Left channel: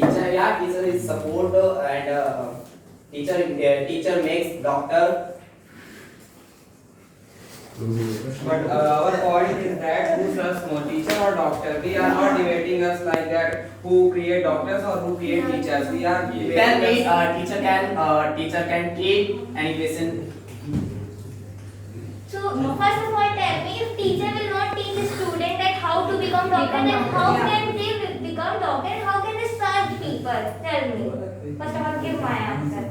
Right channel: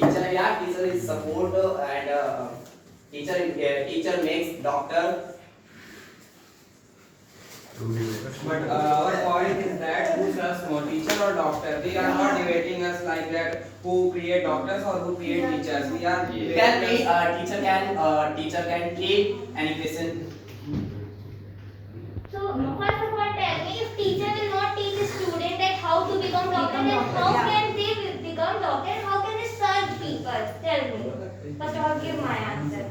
teacher, yeah, teacher is support and teacher makes doctor. But our point is that who serves more, teacher or doctor? We are not debating us like that. Who create doctors or who create teachers? We are Tell me, debating us. teacher can treat any patient. So first of all, tell me, if teacher will not teach a student that how to become doctor, then how can they become doctor and how can they serve people? Tell me. First of all, give my answer.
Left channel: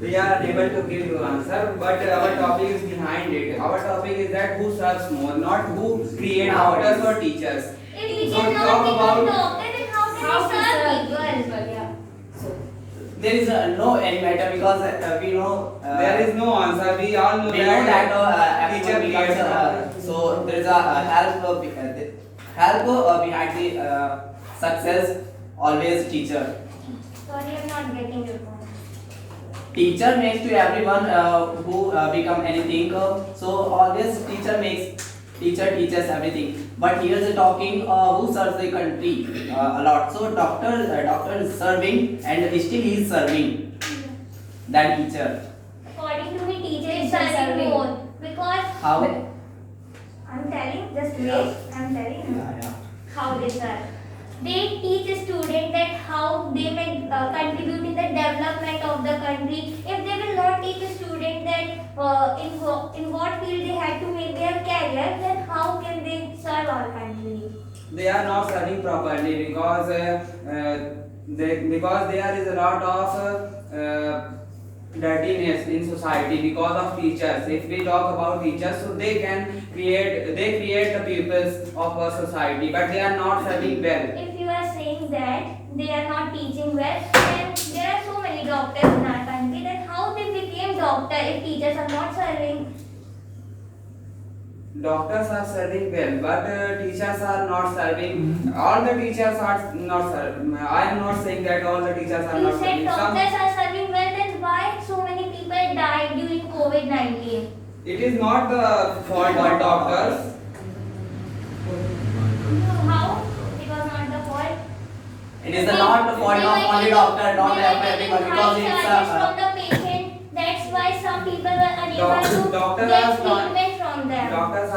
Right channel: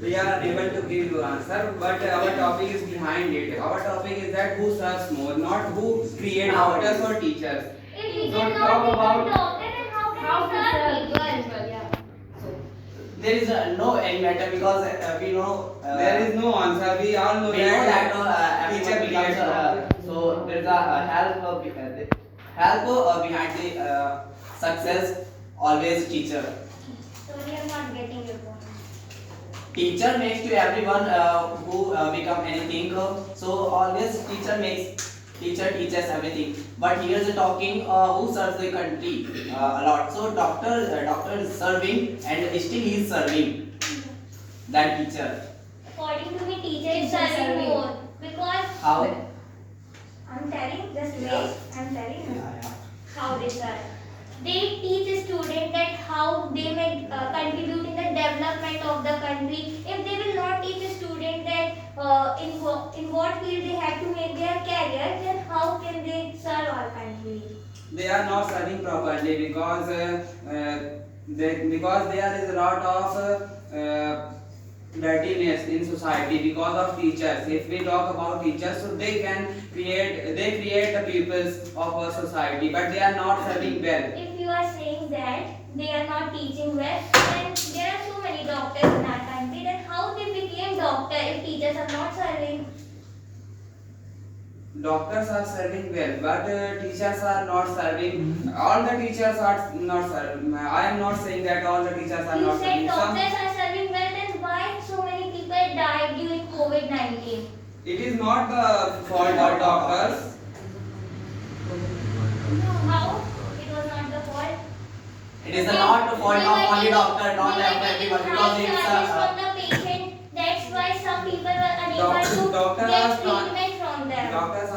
We are unable to give you answer, but our topic is behind it. Our topic is that who serves more, not who create doctors or teachers. If we So cannot talk become about- doctor, then how can we serve people? There is no any matter because we know There is no answer. We all know we know that teacher everyone becomes, creates doctor. so there is a help behind the success always teacher. Sorry, I'm not getting your point. Teacher makes to everyone who become anything. So always teacher teaches everything. But here is talking who serves the country a lot. So doctor is serving and still he is serving that teacher. According to me, teacher is Teacher is serving serving. more because How? I'm telling, just wait, I'm telling you Yeah. how they serve. They teach a student that how they may contribute in the development of the country. If they will not teach a student that in what field they have to make their career, then how can they serve our country? They are not serving properly because there is a lot of dirtiness in society because of teachers. If we talk about teachers, so they create the pupils of our society, but they are not serving well. If you are saying that they are not teaching well, then there are so many doctors in our country. Then how they became doctor if teachers are not serving? Doctors are serving well, but teachers are not serving. All the teachers are not serving. I am not saying that all the teachers are You not said serving. doctors are serving well, then why so many people died during COVID-19? It is not the fault of doctors. So how? It was not the fault. It is not the fault of only doctor, not everyone, because They were it's taking high charges from the patient. That's why some people were unable to Doctors get are trying- treatment from them. Doctors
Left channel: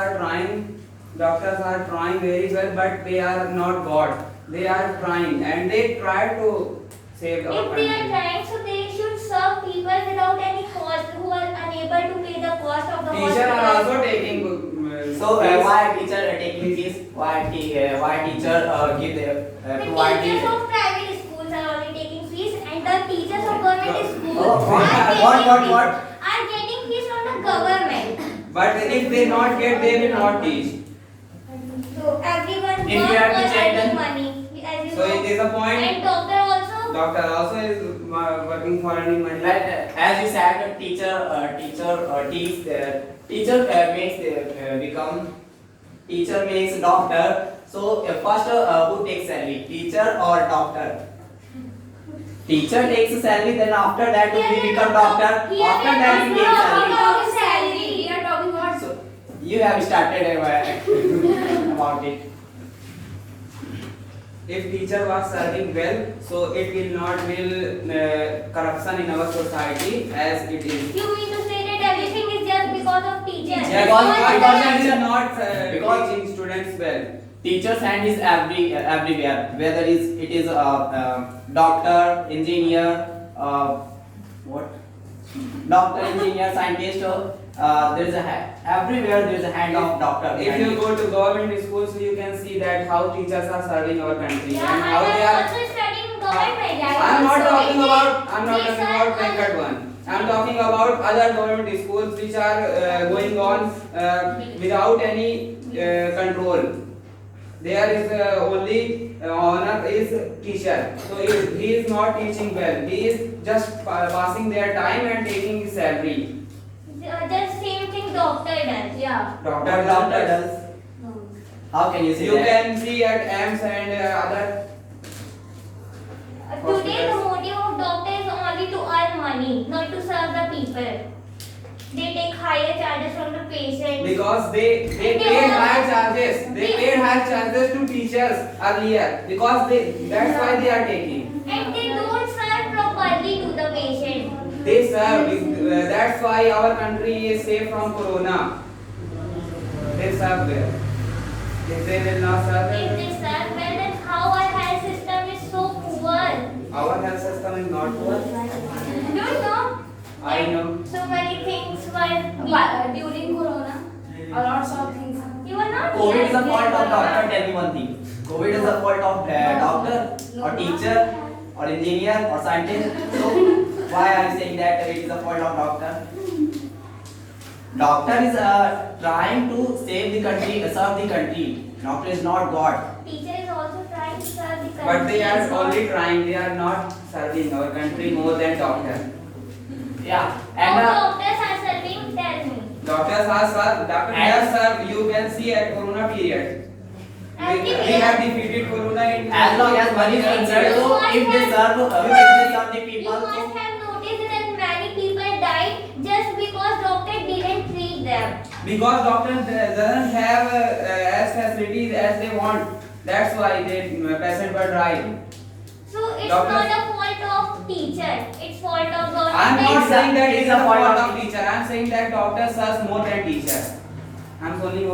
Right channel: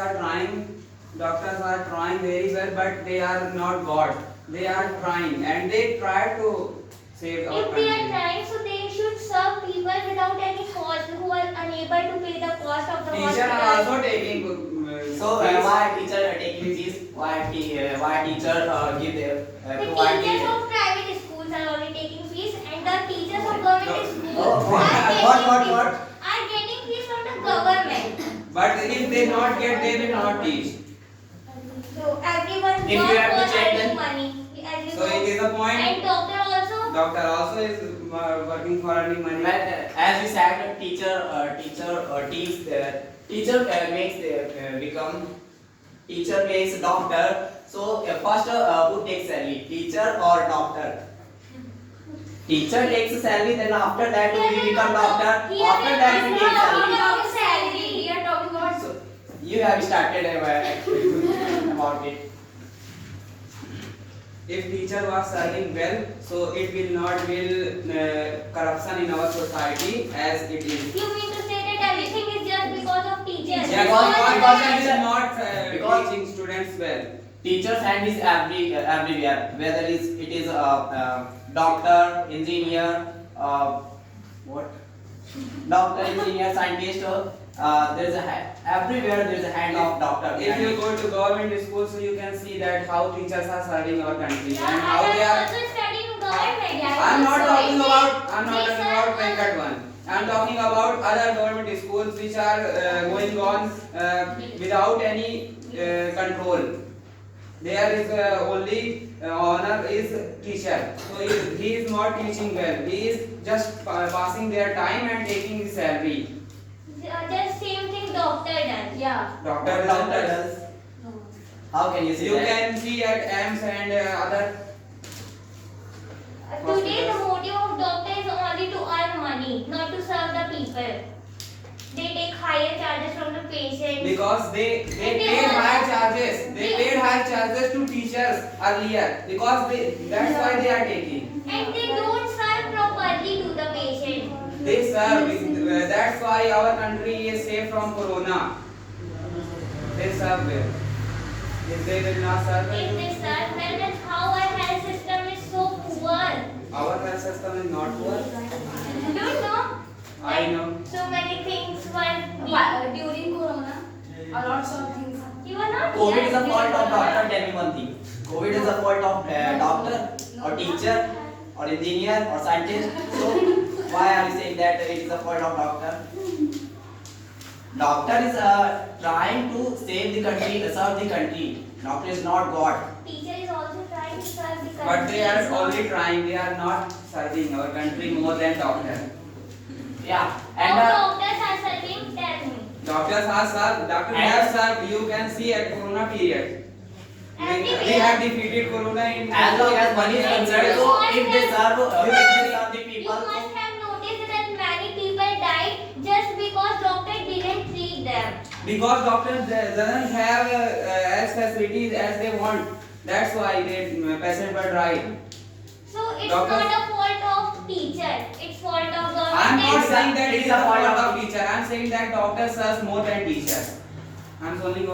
are trying very well, but they are not God. They are trying and they try to save our If they are country. trying, so they should serve people without any cost who are unable to pay the cost of the Teachers are hospital. also taking. so fees. why teacher taking fees? Why teacher give their The provide teachers the of private schools are only taking fees, and the teachers of government schools Oh, what? are getting fees from the government. But if they not get, they will not teach. So everyone If you works have to for check earning them. money, as you So know. it is a point. And doctor also. Doctor also is working for earning money. Like as you said, teacher makes doctor. So first who takes salary, teacher or doctor? Teacher takes salary, then after that we become doctor. After that we take salary. About salary. We are talking about So you have started about it. If teacher was serving well, so it will not corruption in our society as it is. You mean to say that everything is just because of teachers? Yes, Because because teacher- teacher not because- teaching students well. Teacher's hand is everywhere, whether it is doctor, engineer, what? Doctor, engineer, scientist. There is everywhere there is a hand of doctor. If you go to government schools, you can see that how teachers are serving our country Yeah, and I how they am are. also studying in government. I'm not talking about They serve Venkat one. I'm talking about other government schools which are going on without any control. There is only honor is teacher. So he is not teaching well. He is just passing their time and taking his salary. Just same thing doctor does. yeah. Doctor does. How can you say You that? can see at AIMS and other. Today the motive of doctor is only to earn money, not to serve the people. they take higher charges from the patient. Because they And they paid also- higher charges. They paid higher charges to teachers earlier because that's why they are taking. And they don't serve properly to the patient. They serve. That's why our country is safe from corona. They serve there. If they will not serve, If they serve well, then how our health system is so poor? our health system is not poor. Don't know. I know. So many things were During Corona, a lot of things. You were not. COVID here. is the fault of doctor. Tell me one thing. COVID is the fault of doctor or teacher or engineer or scientist. So why are you saying that it is the fault of doctor? Doctor is trying to save the country, serve the country. Doctor is not God. Teacher is also trying to serve the country. But they are only trying. They are not serving our country more than doctor. Yeah. How And doctors are serving? Tell me. Doctors are served. Doctors have served. You can see at corona period. We have defeated corona in. as long as money is concerned, so if they serve the You people, so must have noticed that many people died just because doctor didn't treat them. Because doctors doesn't have as facilities as they want. That's why the patient were dying. So it's Doctors- not a fault of teacher. It's fault of government. I'm not It's a- saying that it's it's a a fault fault of of teacher. I'm saying that doctor serves more than teacher. I'm only